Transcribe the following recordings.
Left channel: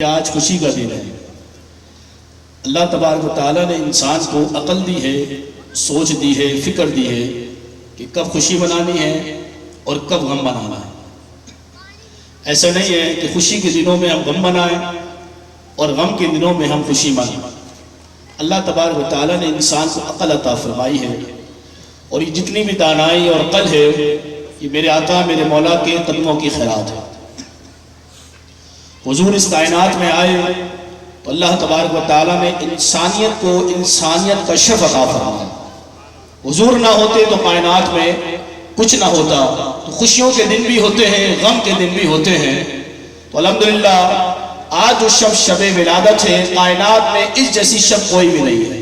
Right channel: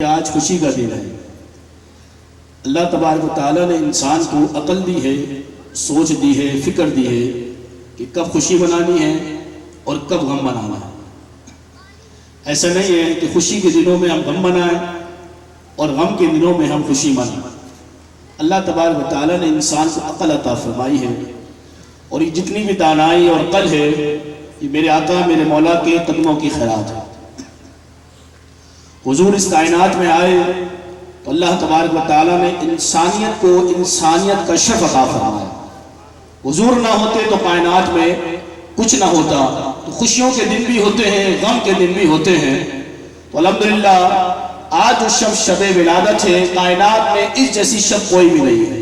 آج خوشی کا دن ہے۔ اللہ تبارک و تعالیٰ نے انسان کو عقل دی ہے، سوچ دی ہے، فکر دی ہے کہ کب خوشی منانی ہے اور کب غم منانا ہے۔ ایسا نہیں ہے کہ خوشی کے دنوں میں ہم غم منائیں اور غم کے دنوں میں ہم خوشی منائیں۔ اللہ تبارک و تعالیٰ نے انسان کو عقل عطا فرمائی ہے، اور یہ جتنی بھی دانائی اور عقل ہے یہ میرے آقا میرے مولا کے قدموں کی خیرات ہے۔ حضور اس کائنات میں آئے تو اللہ تبارک و تعالیٰ نے انسانیت کو انسانیت کا شرف عطا فرمایا۔ حضور نہ ہوتے تو کائنات میں کچھ نہ ہوتا، تو خوشیوں کے دن بھی ہوتے ہیں، غم کے دن بھی ہوتے ہیں۔ تو الحمدللہ آج جو شب ولادت ہے، کائنات میں اس جیسی شب کوئی بھی نہیں ہے۔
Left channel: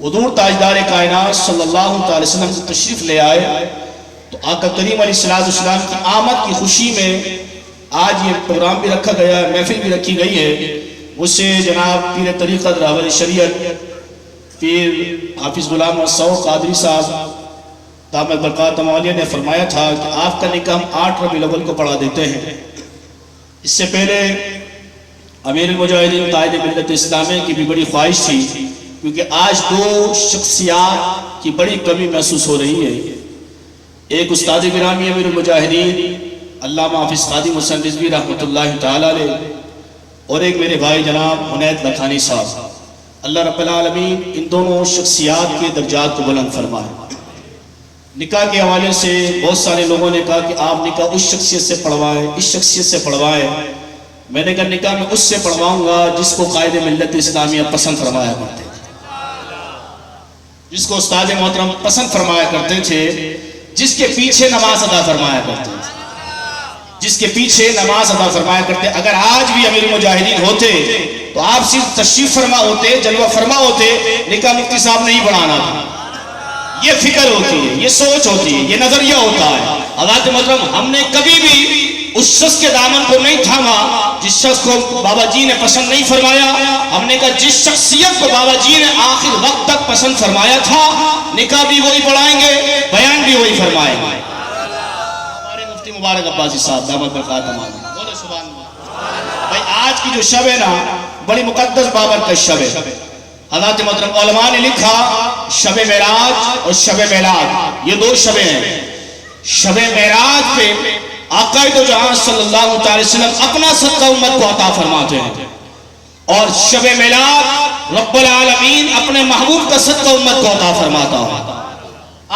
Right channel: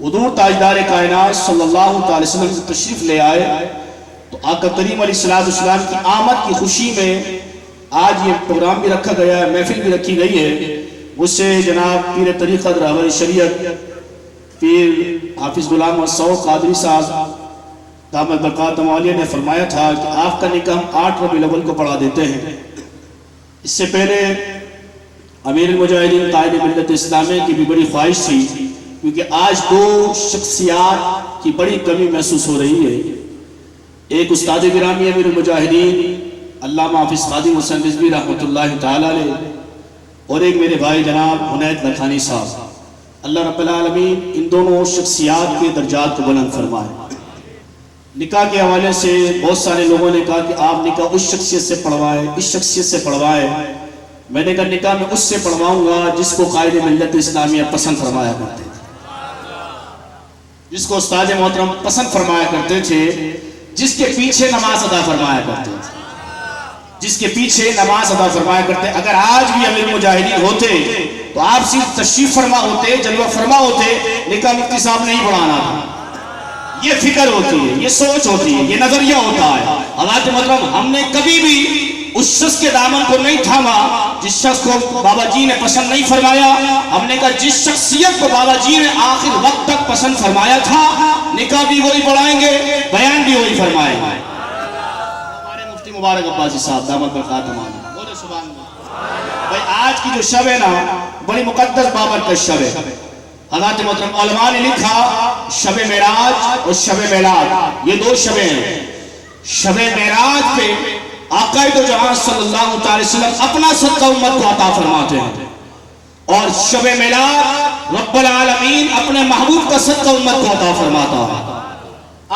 حضور تاجدار کائنات صلی اللہ تعالی وسلم سے تشریف لے آئے تو آقا کریم علیہ السلام کی آمد کی خوشی میں آج یہ پروگرام بھی رکھا گیا ہے، محفل بھی رکھی گئی ہے۔ اس سے جناب پیر طریقت راہبر شریعت پیر حافظ غلام الصوف قادری صاحب دامت برکات عالیہ نے فرمایا تھا کہ آپ کا نکاح ہم 8 ربیع الاول کو پڑھا دیتے ہیں۔ اس سے پہلے امیر المجاہدین قائد ملت اسلامیہ کی بھی بڑی خواہش تھی، کیونکہ آج 2 شخصیات کی بڑی کمی محسوس ہو رہی ہے۔ ایک استاد گرامی امیر المجاہدین علامہ حافظ خادم حسین رضوی رحمۃ اللہ تعالی علیہ، اور ایک میرے بھائی جناب عنید لکھانی صاحب۔ اللہ رب العالمین ان دونوں شخصیات کے درجات کو بلند فرمائے۔ نکاح کے حوالے سے بہت سارے لوگوں نے کہا کہ آپ نکاح اس شخصیت سے پڑھوائیں، اس شخصیت سے پڑھوائیں۔ میں نے کہا نکاح میں اس سے پڑھواؤں گا جس کو قائد ملت اسلامیہ پسند فرمایا کرتے تھے، جس کو استاد محترم پسند فرمایا کرتے تھے، جس کے پیچھے نماز ادا فرمایا کرتے تھے، جس کے پیچھے نماز ادا فرمایا کرتے۔ اگر آج بھی امیر المجاہدین ہوتے تو آپ صرف تشریف فرما ہوتے، جلوہ فرما ہوتے، نکاح مفتی صاحب نہیں پڑھانا تھا۔ یہ فکر ہوتی ہے، یہ سوچ ہوتی ہے، یہ نظریہ ہوتا ہے۔ حضرات محترم، ہم نے کبھی بھی اس شخص کے دامن کو نہیں تھاما جس شخص کو بابا جی نے پسند نہیں فرمایا۔ ہم نے کہا جس شخصیت کو بابا جی نے آخر وقت تک پسند فرمایا تھا، نکاح بھی وہی پڑھائیں گے، بیان بھی وہی فرمائیں گے۔ مبارک عباسی صاحب دامت برکات عالیہ، بولے سبحان اللہ۔ بھائی آج کی جو شب ہے نا، بڑی مقدس بابرکت شب ہے۔ حضرات محترم علماء نے لکھا شب معراج اور شب میلاد، یہ 2 شبیں ہیں۔ شب معراج پہ آقا دو جہاں صلی اللہ علیہ وسلم اپنا صدقہ امت کو عطا فرماتے ہیں، اور شب میلاد رب العالمین اپنے محبوب کا صدقہ امت کو عطا فرماتا ہے۔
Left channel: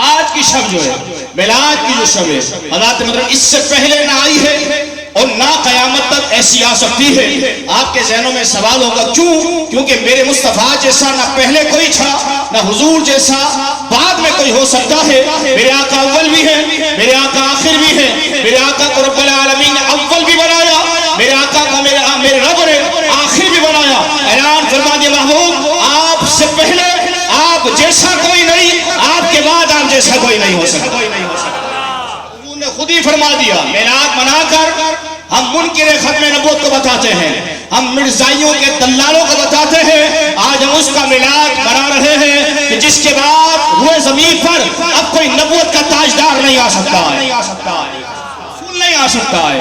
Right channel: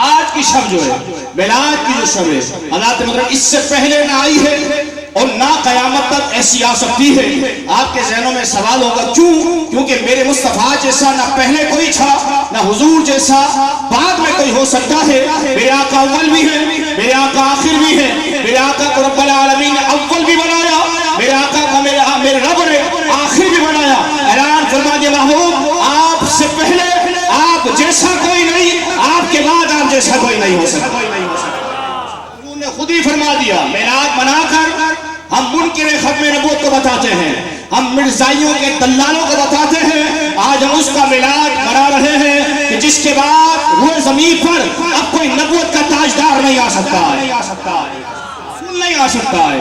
آج کی شب جو ہے، میلاد کی جو شب ہے، حضرات مطلب اس سے پہلے نہ آئی ہے اور نہ قیامت تک ایسی آ سکتی ہے۔ آپ کے ذہنوں میں سوال ہوگا کیوں؟ کیونکہ میرے مصطفیٰ جیسا نہ پہلے کوئی تھا، نہ حضور جیسا بعد میں کوئی ہو سکتا ہے۔ میرے آقا اول بھی ہے، میرے آقا آخر بھی ہے، میرے آقا کو رب العالمین نے اول بھی بنایا، میرے آقا کا میرے رب نے آخر بھی بنایا۔ اعلان فرما دیا محبوب آپ سے پہلے آپ جیسا کوئی نہیں، آپ کے بعد آپ جیسا کوئی نہیں ہو سکتا۔ انہوں نے خود ہی فرما دیا، میلاد منا کر ہم منکر ختم نبوت کو بتاتے ہیں، ہم مرزائیوں کے دلالوں کو بتاتے ہیں۔ آج ہم اس کا میلاد منا رہے ہیں کہ جس کے بعد روئے زمین پر اب کوئی نبوت کا تاجدار نہیں آ سکتا ہے، نہیں آ سکتا ہے،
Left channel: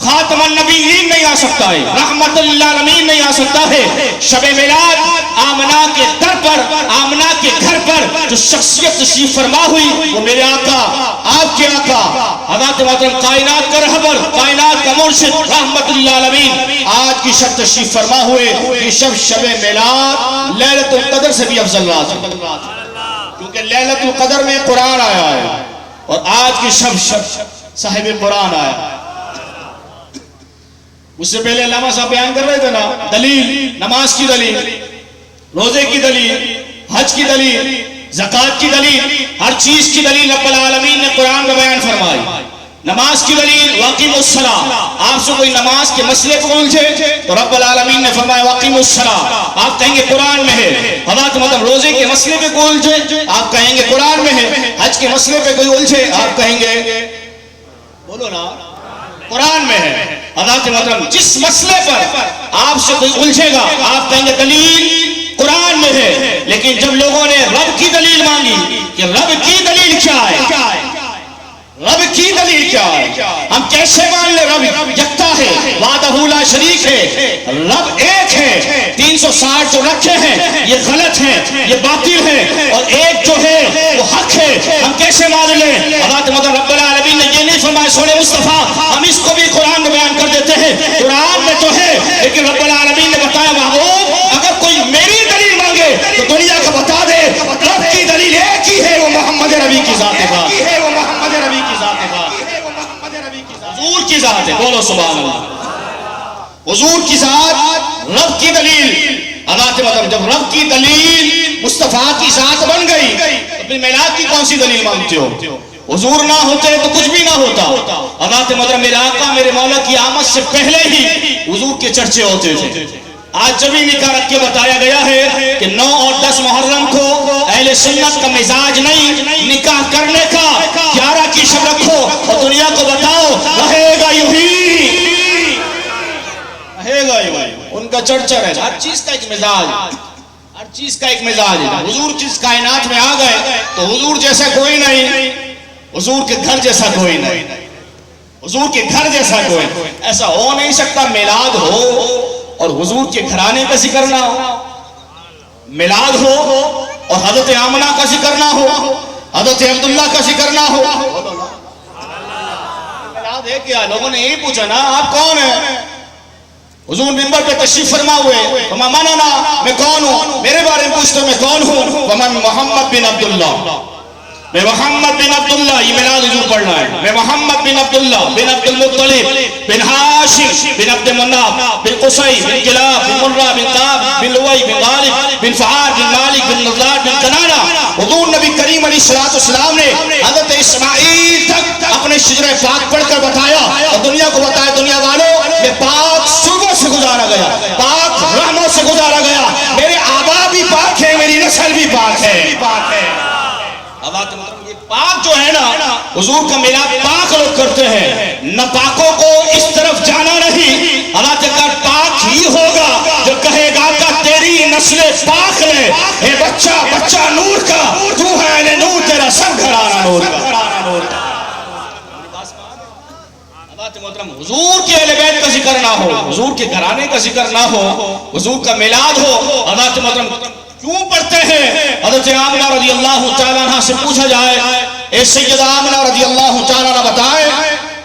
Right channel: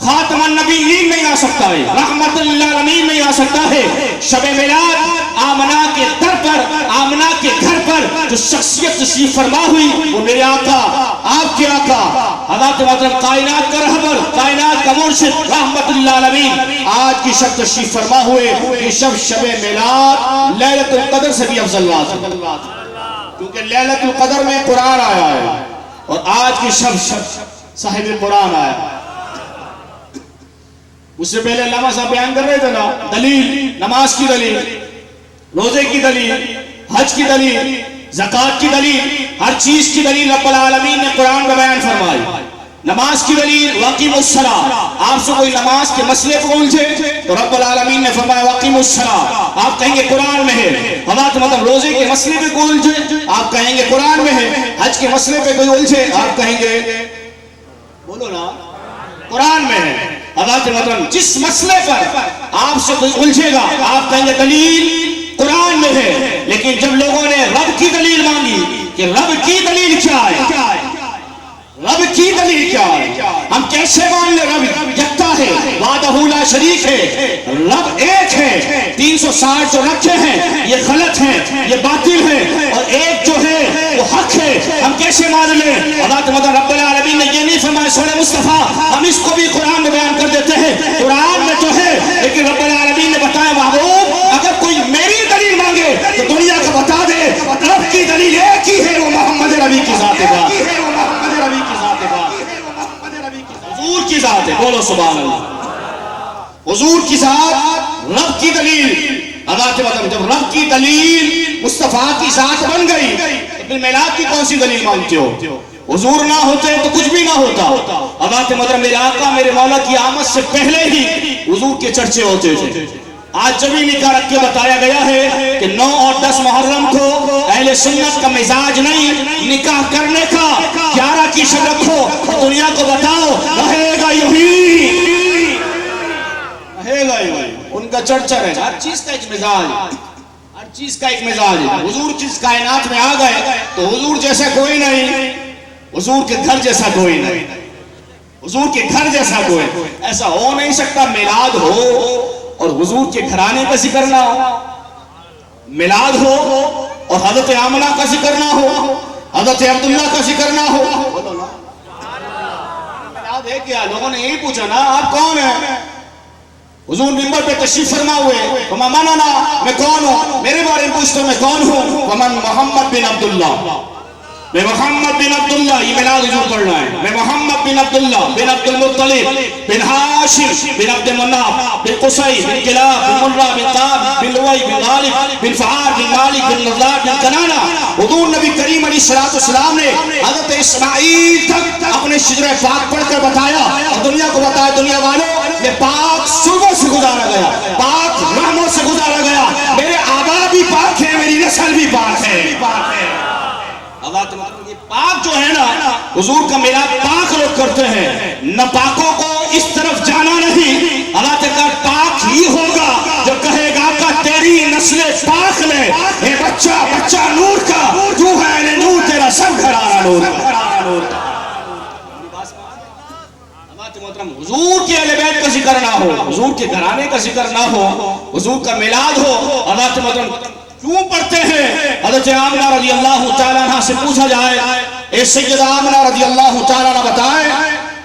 خاتم النبیین نہیں آ سکتا ہے، رحمت للعالمین نہیں آ سکتا ہے۔ شب میلاد آمنہ کے در پر، آمنہ کے گھر پر جو شخصیت تشریف فرما ہوئی وہ میرے آقا، آپ کے آقا، حضرت محترم کائنات کا رہبر، کائنات کا مرشد رحمت للعالمین آج کی شب تشریف فرما ہوئے۔ یہ شب میلاد لیلۃ القدر سے بھی افضل رات ہے، کیونکہ لیلۃ القدر میں قرآن آیا ہے، اور آج کی شب صاحب قرآن آیا۔ اس سے پہلے علامہ صاحب بیان کر رہے تھے نا، دلیل، نماز کی دلیل، روزے کی دلیل، حج کی دلیل، زکوٰۃ کی دلیل، ہر چیز کی دلیل رب العالمین نے قرآن میں بیان فرمائی۔ نماز کی دلیل واقیم الصلاۃ، آپ سے کوئی نماز کے مسئلے کو الجھے تو رب العالمین نے فرمایا واقیم الصلاۃ، آپ کہیں گے قرآن میں ہے۔ حضرات مطلب روزے کے مسئلے پہ کوئی الجھے آپ کہیں گے قرآن میں ہے، حج کے مسئلے پہ کوئی الجھے آپ کہیں گے بولو نا قرآن میں ہے۔ حضرات محترم جس مسئلے پر آپ سے کوئی الجھے گا آپ کہیں گے دلیل قرآن میں ہے، لیکن جب لوگوں نے رب کی دلیل مانگی کہ رب کی دلیل کیا ہے، رب کی دلیل کیا ہے؟ ہم کیسے مان لیں رب یکتا ہے، وحدہ لا شریک ہے، رب ایک ہے؟ 360 جو رکھے ہیں یہ غلط ہیں، یہ باطل ہیں، اور ایک جو ہے وہ حق ہے، ہم کیسے مان لیں؟ اللہ تعالیٰ رب العالمین نے یہ نہیں فرمایا سورہ مصطفیٰ، ہم اس کو بھی قرآن میں بیان کر دیتے ہیں، قرآن میں تو ہے لیکن رب العالمین نے بتایا محبوب اگر کوئی میری دلیل مانگے تو دنیا کو بتا دے رب کی دلیل ایک ہی ہے، وہ محمد نبی کی ذات ہے، حضور کی ذات ہے، بولو سبحان اللہ، حضور کی ذات رب کی دلیل۔ جب رب کی دلیل مصطفیٰ کی ذات بن گئی تو پھر میلاد کی کون سی دلیل مانگتے ہو؟ حضور نہ ہوتے تو کچھ بھی نہ ہوتا۔ حضرت مطلب میرے آقا میرے مولا کی آمد سے پہلے ہی حضور کے چرچے ہوتے تھے۔ آج جب ہی نکاح رکھ کے بتایا گیا ہے کہ 9 اور 10 محرم کو اہل سنت کا مزاج نہیں نکاح کرنے کا، 11 کی شب رکھو اور دنیا کو بتاؤ رہے گا یوں ہی، رہے گا یوں ہی، ان کا چرچا ہے، ہر چیز کا ایک مزاج، ہر چیز کا ایک مزاج ہے۔ حضور جس کائنات میں آ گئے تو حضور جیسا کوئی نہیں، حضور کے گھر جیسا کوئی نہیں، حضور کے گھر جیسا کوئی ایسا ہو نہیں سکتا میلاد ہو اور حضور کے گھرانے کا ذکر نہ ہو، میلاد ہو اور حضرت آمنہ کا ذکر نہ ہو، حضرت عبداللہ کا ذکر نہ ہو۔ میلاد ہے کیا؟ لوگوں نے یہی پوچھا نا آپ کون ہیں؟ حضور منبر پہ تشریف فرما ہوئے، وما مننا، میں کون ہوں؟ میرے بارے میں پوچھتے میں کون ہوں؟ ومن محمد بن عبداللہ، میں محمد بن عبداللہ، یہ میلاد حضور پڑھنا ہے، میں محمد بن عبداللہ بن عبد المطلب بن ہاشم بن عبد مناف بن قصی بن کلاب بن مرہ بن کعب بن لؤی بن غالب بن فعال بن مالک بن نضار بن کنانہ۔ حضور نبی کریم علیہ السلام نے حضرت اسماعیل تک اپنے شجرہ پاک پڑھ کر بتایا اور دنیا کو بتایا دنیا والوں میں پاک صبح سے گزارا گیا، پاک رحمت سے گزارا گیا، میرے آبا بھی پاک ہے، میری نسل بھی پاک ہے۔ یہ پاک جو ہے نا حضور کا میلاد پاک لوگ کرتے ہیں، ناپاکوں کو اس طرف جانا نہیں۔ اللہ تعالیٰ پاک ہی ہوگا جو کہے گا کہ تیری نسل پاک لے، اے بچہ بچہ نور کا، تو ہے نور، تیرا سب گھرانہ نور کا۔ حضور کے اہل بیت کا ذکر نہ ہو، حضور کے گھرانے کا ذکر نہ ہو، حضور کا میلاد ہو، اللہ تعالیٰ کیوں پڑھتے ہیں؟ حضرت آمنہ رضی اللہ تعالیٰ عنہ سے پوچھا جائے، اے سیدہ آمنہ رضی اللہ تعالیٰ عنہ بتائیں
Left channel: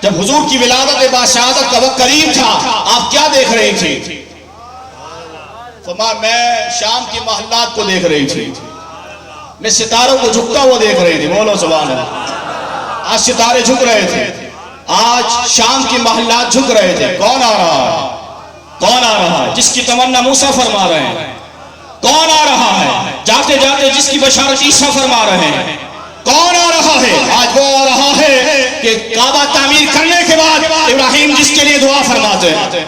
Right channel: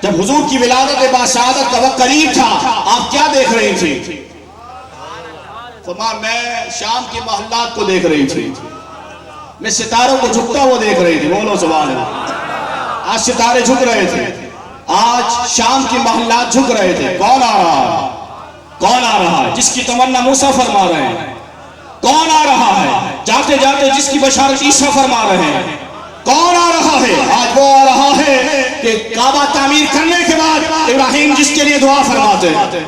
جب حضور کی ولادت باشہادت کا وقت قریب تھا آپ کیا دیکھ رہی تھی؟ فرمایا میں شام کے محلات کو دیکھ رہی تھی، میں ستاروں کو جھکتا ہوا دیکھ رہی تھی، بولو سبحان اللہ۔ آج ستارے جھک رہے تھے، آج شام کی محلات جھک رہے تھے، کون آ رہا ہے؟ کون آ رہا ہے؟ جس کی تمنا موسیٰ فرما رہے ہیں، کون آ رہا ہے؟ جاتے جاتے جس کی بشارت عیسیٰ فرما رہے ہیں، کون آ رہا ہے؟ آج وہ آ رہا ہے کہ کعبہ تعمیر کرنے کے بعد ابراہیم جس کے لیے دعا فرماتے ہیں۔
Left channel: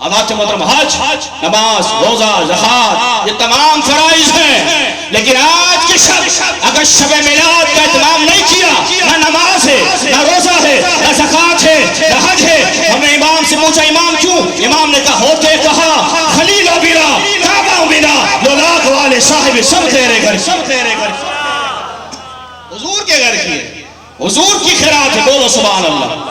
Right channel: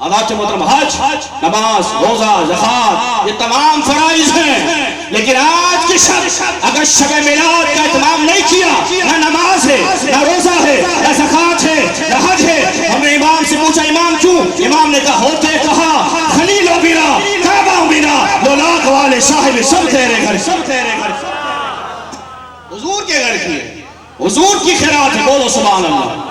آباد محترم حج، نماز، روزہ، زکوٰۃ یہ تمام فرائض ہیں، لیکن آج کی شب اگر شب میلاد کا اہتمام نہیں کیا، نہ نماز ہے، نہ روزہ ہے، نہ زکوٰۃ ہے، نہ حج ہے۔ ہم نے امام سے پوچھا امام کیوں؟ امام نے کہا ہوتے کہا خلیل و بنا کعبہ بنا لولاک والے صاحب سب تیرے گھر، سب تیرے گھر، حضور کے گھر کی، حضور کی خیرات ہے، بولو سبحان اللہ۔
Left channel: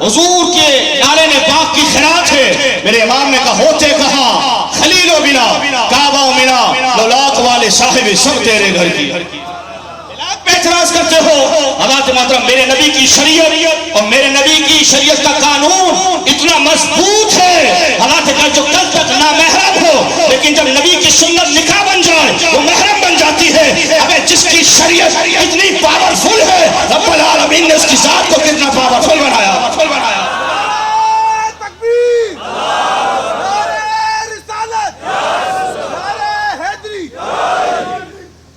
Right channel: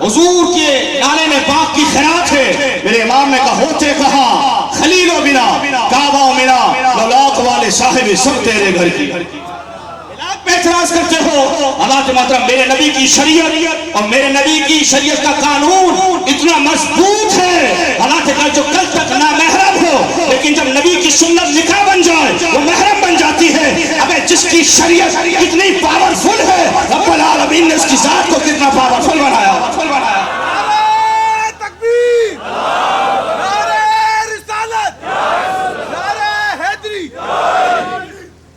حضور کے نالے نے پاک کی خیرات ہے۔ میرے امام نے کہا ہوتے کہا خلیل و بنا کعبہ و منا لولاک والے صاحب سب تیرے گھر کی۔ اعتراض کرتے ہو حضرات محترم، میرے نبی کی شریعت اور میرے نبی کی شریعت کا قانون اتنا مضبوط ہے، حالات کا جو کل تک نامحرم ہو لیکن جب نبی کی سنت نکاح بن جائے وہ محرم بن جاتی ہے۔ اب جس کی شریعت اتنی پاورفل ہے، رب العالمین نے اس کی ذات کو کتنا پاورفل بنایا۔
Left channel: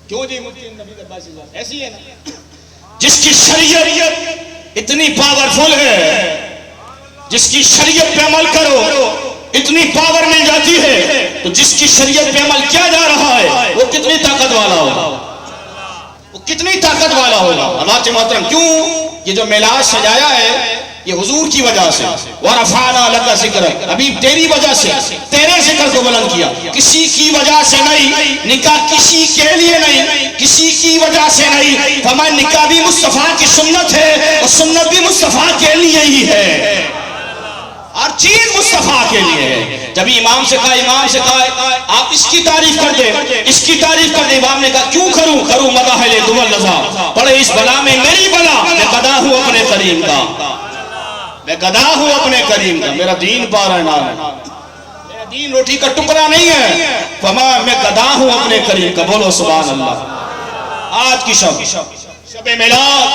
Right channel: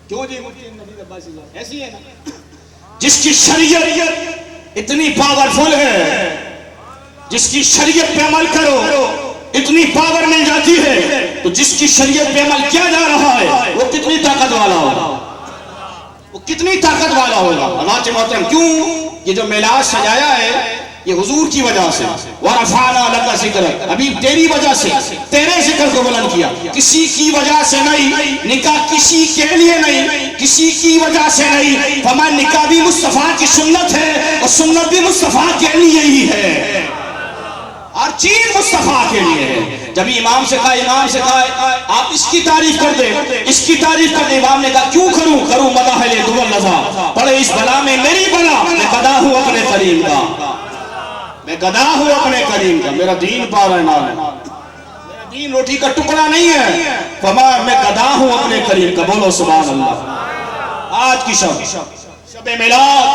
کیوں جی مفتی نبی عباس ایسی ہے نا، جس کی شریعت اتنی پاورفل ہے، جس کی شریعت پہ عمل کرو اتنی پاور مل جاتی ہے، تو جس کی شریعت پہ عمل کیا جا رہا ہے وہ کتنی طاقت والا ہوگا، وہ کتنی طاقت والا ہوگا۔ اللہ کے محترم کیوں یہ جو میلاد سجایا ہے یہ حضور کی وجہ سے، وَرَفَعْنَا لَكَ ذِكْرَكَ، ابھی تیری وجہ سے تیرے ذکر کو بلند کیا، کسی کی وجہ سے نہیں، نکاح کسی کے لیے نہیں، کسی کی وجہ سے نہیں، فرمایا نکاح بھی مصطفیٰ کی سنت ہے اور سنت بھی مصطفیٰ کے لیے ہی ہے، ہر چیز مصطفیٰ کے لیے ہے۔ جب امام سے کہا آپ اس کی تعریف کر دیں، اس کی تعریف کر دیں، امام نے کہا کیوں کروں مدح دول لذا، پڑھے اس بلا میں میری بلا، میں گدا ہوں اپنے کریم کا، میں گدا ہوں اپنے کریم کا، میرا دین پارا نام ہے، میرا دین روٹی کا ٹکڑا نہیں ہے، فرمایا میں گدا ہوں اپنے کریم کا، بولو سبحان اللہ۔ آج کی شب میلاد،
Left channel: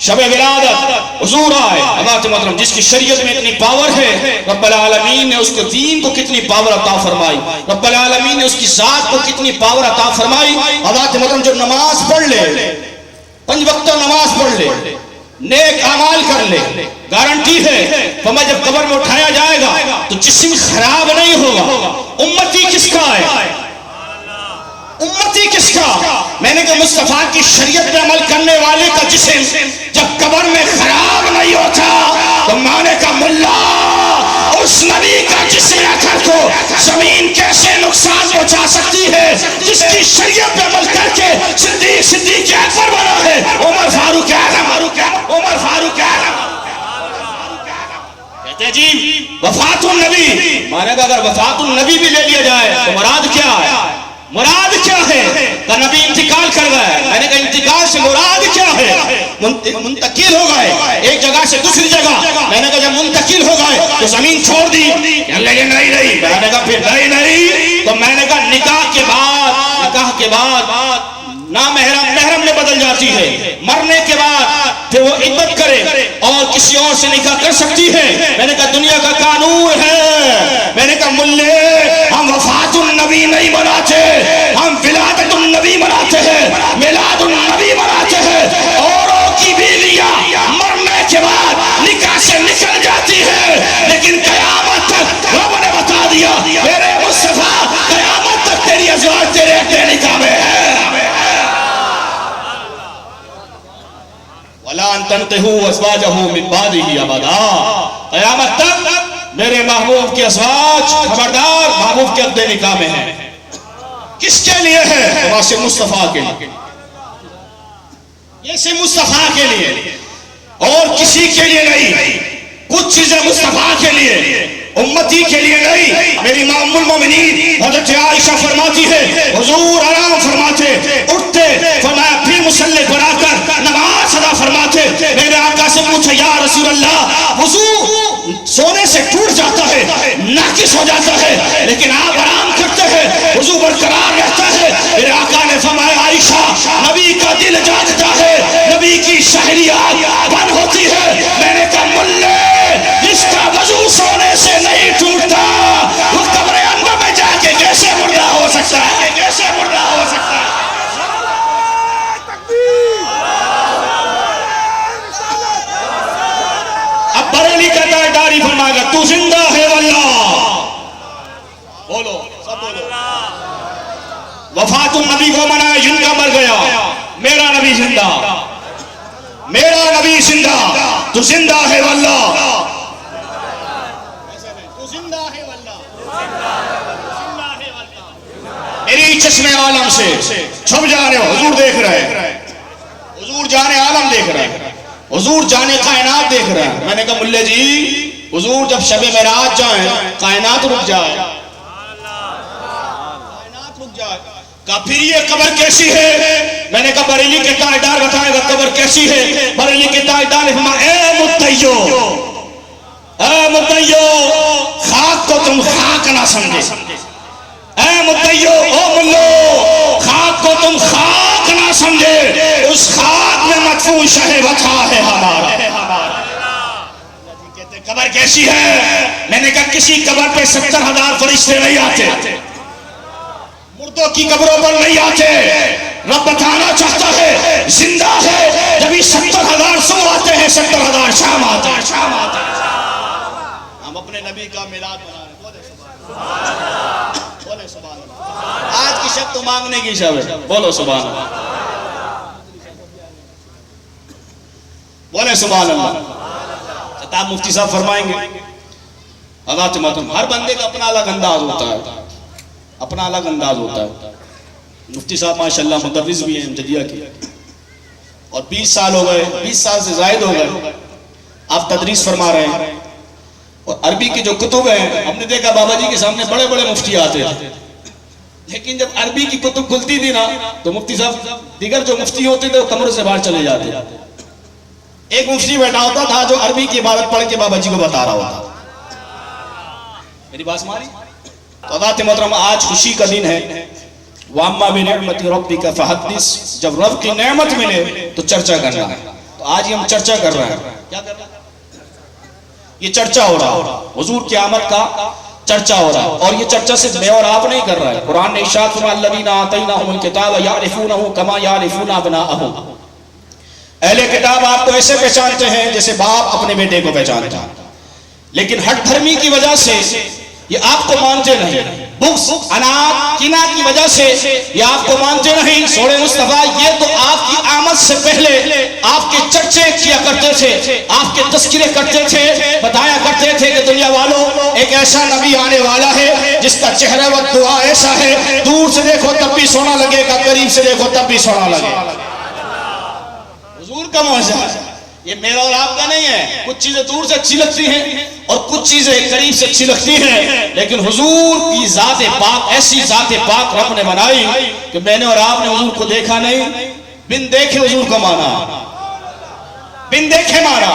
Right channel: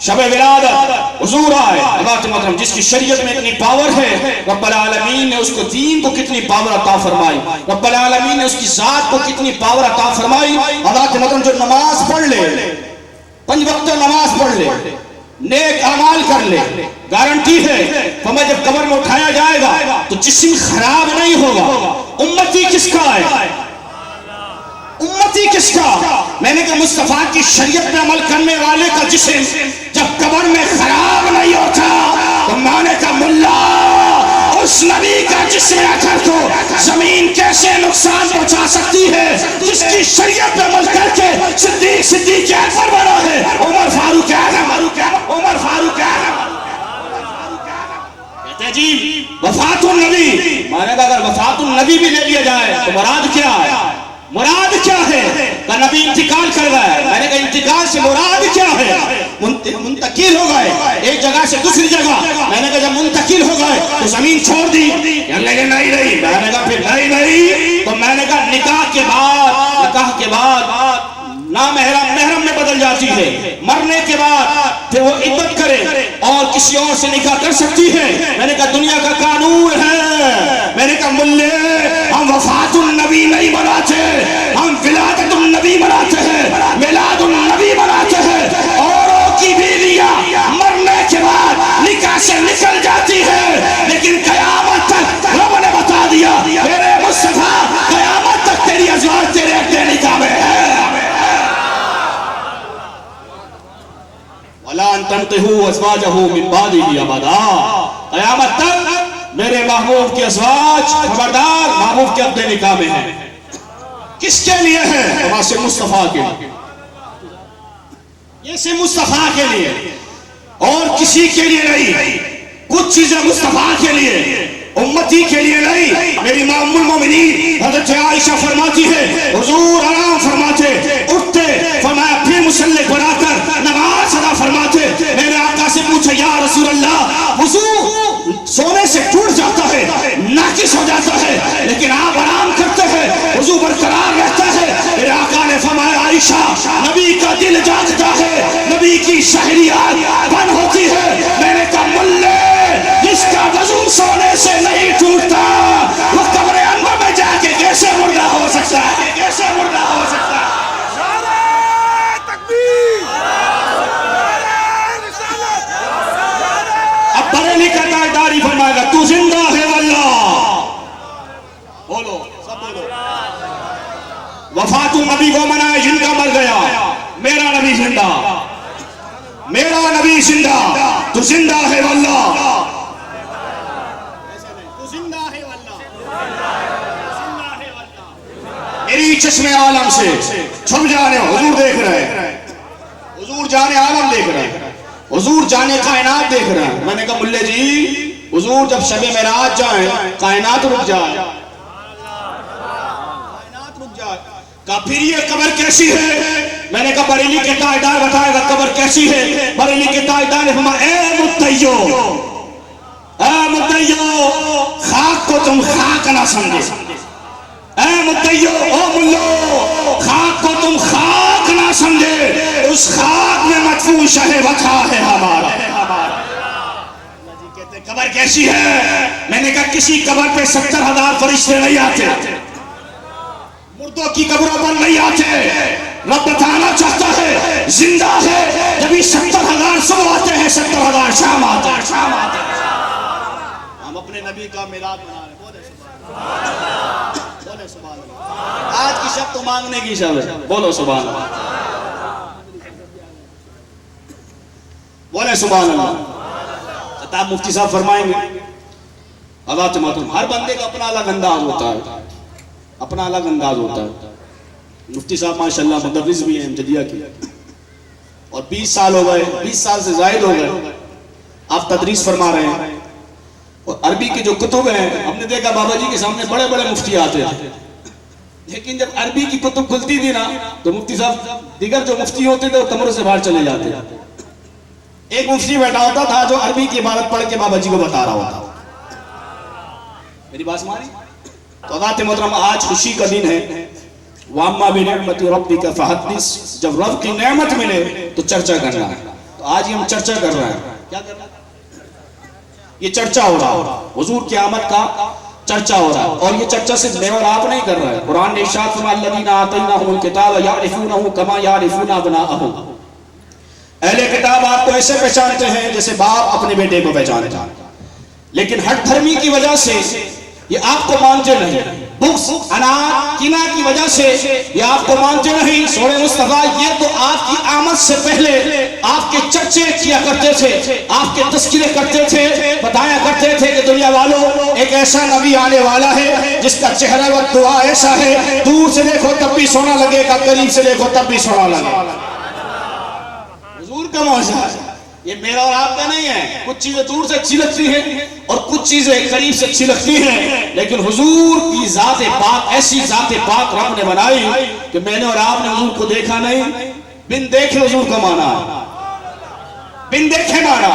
شب ولادت، حضور آئے، حضرات محترم، جس کی شریعت میں اتنی پاور ہے، رب العالمین نے اس کے دین کو کتنی پاور عطا فرمائی، رب العالمین نے اس کی ذات کو کتنی پاور عطا فرمائی۔ حضرات محترم، جو نماز پڑھ لے، 5 وقت نماز پڑھ لے، نیک اعمال کر لے، گارنٹی ہے فرمایا جب قبر میں اٹھایا جائے گا تو جسم خراب نہیں ہوگا۔ امتی کس کا ہے؟ امتی کس کا؟ میں نے کہا مصطفیٰ کی شریعت میں عمل کرنے والے کا جسم جب قبر میں خراب نہیں ہوتا تو میں نے کہا ملا اس نبی کا جسم اثر کو زمین کیسے نقصان پہنچا سکتی ہے جس کی شریعت میں عمل کر کے صدیق اکبر بنا ہے، عمر فاروق اعظم، عمر فاروق اعظم۔ کہتے ہیں جی وفات النبی، میں نے کہا اگر وفات النبی بھی لے لیا جائے تو مراد کیا ہے؟ مراد کیا ہے؟ کہ نبی انتقال کر گئے، میں نے کہا انتقال سے مراد کیا ہے؟ منتقل ہو گئے ایک جگہ سے دوسری جگہ، میں نے کہا جب منتقل ہو گئے تو زمین چھوڑ دی، نہیں، میں نے کہا پھر نہیں، تو میں نے کہا نکاح کے بعد محرم میں بدل جاتی ہے، مرنے کے بعد پھر وہ عدت کرے اور کسی اور سے نکاح کر سکتی ہے۔ میں نے کہا دنیا کا قانون ہے، میں نے کہا ملے ہم وفات النبی نہیں مناتے، ہم ولادت النبی مناتے ہیں، میلاد النبی مناتے ہیں۔ اوروں کی بیویاں مرنے کے بعد نکاح سے نکل جاتی ہے، لیکن قیامت تک رب نے بتا دیا میرے مصطفیٰ قیامت تک تیری ازواج تیرے اپنے نکاح میں ہے۔ وَلَا أَن تَنْكِحُوا أَزْوَاجَهُ مِن بَعْدِهِ أَبَدًا، قیامت تک میرے محبوب کے ازواج خبردار محبوب کے اپنے نکاح میں ہیں۔ کس کے لیے ہے؟ واسطے مصطفیٰ کے لیے، یہ سے مصطفیٰ کے لیے اور کسی کے لیے نہیں۔ کچھ چیزیں مصطفیٰ کے لیے، امتی کے لیے نہیں۔ میری ماں ام المومنین حضرت عائشہ فرماتی ہے حضور آرام فرماتے، اٹھتے، فرمایا پھر مصلی بنا کر نماز ادا فرماتے۔ میرے آقا سے پوچھا یا رسول اللہ وضو سونے سے ٹوٹ جاتا ہے، ناقص ہو جاتا ہے، لیکن آپ آرام کرتے ہیں، وضو برقرار رہتا ہے۔ میرے آقا نے فرمایا عائشہ نبی کا دل جاگتا ہے، نبی کی شہریات بند ہوتی ہے۔ میں نے کہا ملے جس کا وضو سونے سے نہیں ٹوٹتا وہ قبر انور میں جا کے کیسے مردہ ہو سکتا ہے؟ کیسے مردہ ہو سکتا ہے؟ اب بریلی کہتا ہے داڑھی فرمائے گا تو زندہ ہے واللہ، بولو سب بولو۔ وفات النبی کو منائے جن کا مر گیا، میرا نبی زندہ، میرا نبی زندہ، تو زندہ ہے واللہ، میری چشمے عالم سے چھپ جانے حضور دیکھ رہے ہیں، حضور جانے عالم دیکھ رہے ہیں، حضور جانے کائنات دیکھ رہے ہیں۔ میں نے کہا ملے جی حضور جب شب معراج جائیں کائنات رک جائے، کائنات رک جائے۔ کہا پھر یہ قبر کیسی ہے؟ میں نے کہا بریلی کے تاجدار بتائے گا قبر کیسی ہے۔ بریلی کے تاجدار نے فرمایا اے متیو، اے متیو خاک کو تم خاک نہ سمجھے، اے متیو او ملو خاک کو تم خاک نہ سمجھے، اس خاک میں مدفون شہ وطا ہے ہمارا۔ کہتے قبر کیسی ہے؟ میں نے کہا کسی قبر پہ 70,000 فرشتے نہیں آتے، مردوں کی قبروں پر نہیں آتے۔ رب بتانا چاہتا ہے زندہ ہے، جب یہ 70,000 صبح آتے ہیں 70,000 شام آتے ہیں۔ ہم اپنے نبی کا میلاد منا رہے ہیں، بولے سبحان اللہ۔ آج کی شب تو مانگنے کی شب ہے، بولو سبحان اللہ، بولے سبحان اللہ۔ بتا مفتی صاحب فرمائیں گے. حضرات محترم ہر بندے کا اپنا الگ انداز ہوتا ہے, اپنا الگ انداز ہوتا ہے. مفتی صاحب ماشاءاللہ مدرس بھی ہیں جدیہ کے, اور 20 سال ہو گئے, 20 سال سے زائد ہو گئے آپ تدریس فرما رہے ہیں. اور عربی کے جو کتب ہیں, ہم نے دیکھا بابا جی کے سامنے بڑے بڑے مفتی آتے ہیں, لیکن جب عربی کی کتب کھلتی تھی نا تو مفتی صاحب دیگر جو مفتی ہوتے تھے وہ کمرے سے باہر چلے جاتے. ایک مفتی بیٹھا ہوتا تھا جو عربی کی عبارت پڑھ کے بابا جی کو بتا رہا ہوتا. میری بات سماری. تو حضرات محترم آج خوشی کا دن ہے. وَأَمَّا بِنِعْمَةِ رَبِّكَ فَحَدِّثْ, جب رب کی نعمت ملے تو چرچا کرنا ہے. تو آج ہم چرچا کر رہے ہیں. کیا کر رہے ہیں؟ یہ چرچا ہو رہا ہے, حضور کی آمد کا چرچا ہو رہا ہے. اور یہ چرچا صرف میں اور آپ نہیں کر رہا ہے. قرآن نے ارشاد فرمایا الذین آتیناہم الکتاب یعرفونہ کما یعرفون ابناءہم. اہل کتاب آپ کو ایسے پہچانتے ہیں جیسے باپ اپنے بیٹے کو پہچانتا ہے, لیکن ہٹ دھرمی کی وجہ سے یہ آپ کو مانتے نہیں. بغض, اناد, کینہ کی وجہ سے یہ آپ کو مانتے نہیں. سورہ مصطفیٰ یہ تو آپ کی آمد سے پہلے آپ کے چرچے کیا کرتے تھے, آپ کے تذکرے کرتے تھے, بتایا کرتے تھے کہ دنیا والوں ایک ایسا نبی آنے والا ہے جس کا چہرہ و دعا ایسا ہے, دور سے دیکھو تب بھی سونا لگے گا, قریب سے دیکھو تب بھی سونا لگے گا. حضور کا معجزہ ہے, یہ میرا اور آپ کا نہیں ہے. کچھ چیزیں دور سے اچھی لگتی ہیں اور کچھ چیزیں قریب سے اچھی لگتی ہیں, لیکن حضور کی ذات پاک ایسی ذات پاک رب نے بنائی کہ میں نے اور آپ نے حضور کو دیکھا نہیں, بن دیکھے حضور کو مانا, بن دیکھے مانا.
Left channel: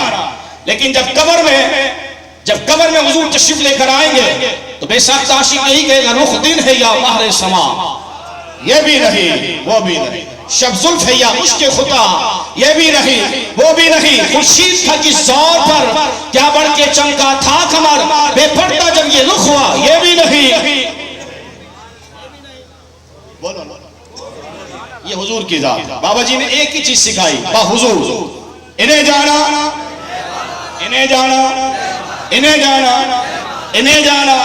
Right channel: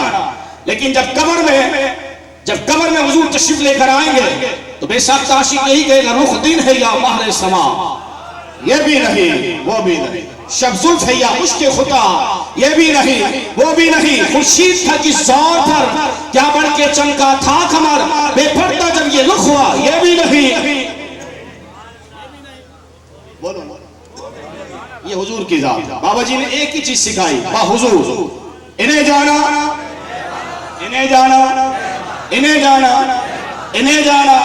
لیکن جب قبر میں حضور تشریف لے کر آئیں گے تو بے ساختہ عاشق یہی کہے گا رخ دن ہے یا مہر سما, یہ بھی نہیں وہ بھی نہیں. شب زلف ہے یا عشق خدا, یہ بھی نہیں وہ بھی نہیں. خورشید تھا کس زور پر کیا بڑھ کے چمکا تھا کمر, بے پردہ جب یہ رخ ہوا, یہ بھی نہیں. یہ حضور کی ذات. بابا جی نے ایک ہی چیز سکھائی, با حضور, انہیں جانا, انہیں جانا, انہیں جانا, انہیں جانا.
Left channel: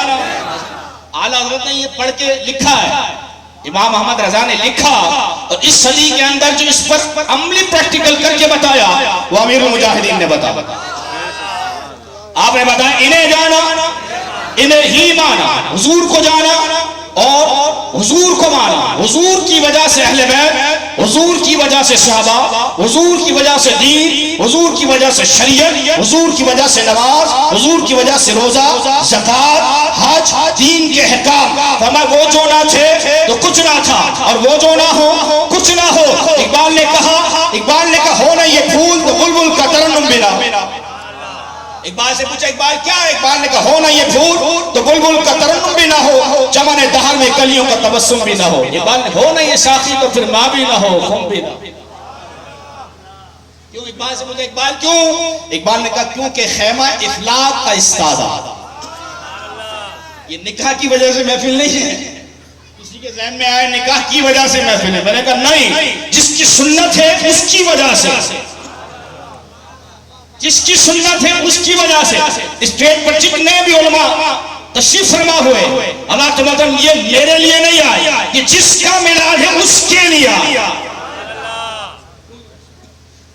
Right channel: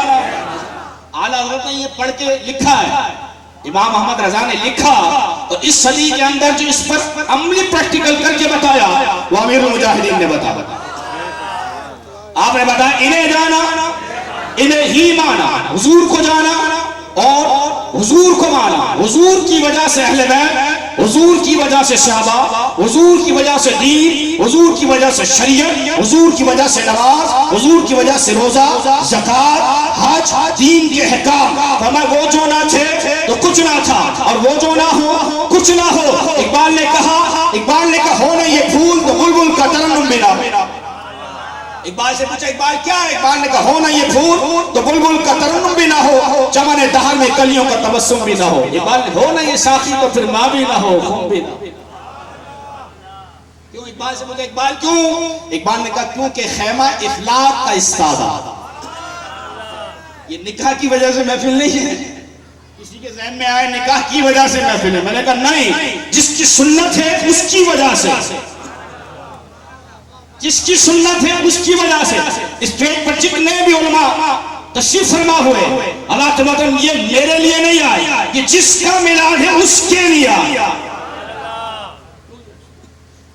اعلیٰ حضرت نے یہ پڑھ کے لکھا ہے, امام احمد رضا نے لکھا, اور اس صدی کے اندر جو اس پر عملی پریکٹیکل کر کے بتایا وہ امیر المجاہدین نے بتایا. آپ نے بتایا انہیں جانا, انہیں ہی مانا, حضور کو جانا اور حضور کو مانا. حضور کی وجہ سے اہل بیت, حضور کی وجہ سے صحابہ, حضور کی وجہ سے دین, حضور کی وجہ سے شریعت, حضور کی وجہ سے نماز, حضور کی وجہ سے روزہ, زکات, حج, دین کے احکام. فرمایا وہ جو نہ تھے تو کچھ نہ تھا, اور وہ جو نہ ہو کچھ نہ ہو. اقبال نے کہا ہو نہ یہ پھول تو بلبل کا ترنم ملا. اقبال سے پوچھا اقبال کیا ہے؟ اقبال نے کہا ہو نہ یہ پھول تو بلبل کا ترنم بھی نہ ہو, چمن دہر میں کلیوں کا تبسم بھی نہ ہو. اقبال نے ہو نہ یہ ساقی تو پھر ماں بھی نہ ہو, خون بھی نہ ہو. کیوں؟ اقبال سے پوچھا اقبال کیوں؟ اقبال نے کہا کیونکہ خیمہ افلاک کا استادہ. یہ نکاح کی وجہ سے محفل نہیں ہے. کسی کے ذہن میں آئے نکاح کی وجہ سے محفل ہے, میں نے کہا نہیں, جس کی سنت ہے اس کی وجہ سے, جس کی سنت ہے اس کی وجہ سے. اسٹیج پر جتنے بھی علماء تشریف فرما ہوئے, اللہ تعالیٰ یہ میرے لیے نہیں آئے, یہ جس کا میلاد ہے اس کے لیے آیا,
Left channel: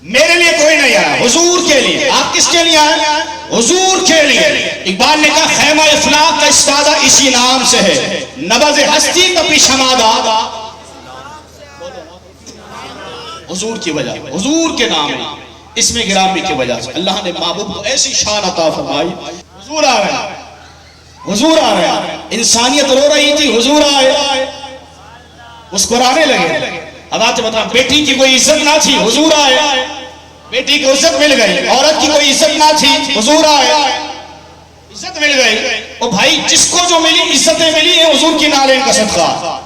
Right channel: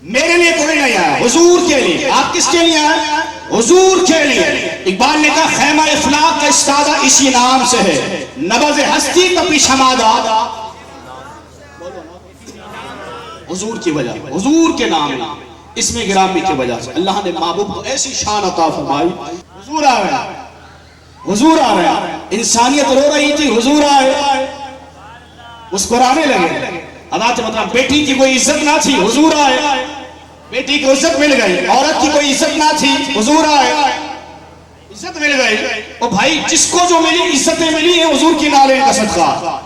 میرے لیے کوئی نہیں آیا, حضور کے لیے. آپ کس کے لیے آئے؟ حضور کے لیے. اقبال نے کہا خیمہ افلاک کا استادہ اسی نام سے ہے, نبض ہستی کا پیشمادہ حضور کی وجہ, حضور کے نام ہے, اس میں گرامی کی وجہ سے اللہ نے محبوب کو ایسی شان عطا فرمائی. حضور آ رہے ہیں, حضور آ رہے ہیں. انسانیت رو رہی تھی, حضور آئے, مسکرانے لگے. حضرات مطلب بیٹی کی کوئی عزت نہ تھی, حضور آئے, بیٹی کو عزت مل گئی. عورت کی کوئی عزت نہ تھی, حضور آئے, عزت مل گئی. او بھائی جس کو جو ملی عزتیں ملی ہیں حضور کی نالین کا صدقہ.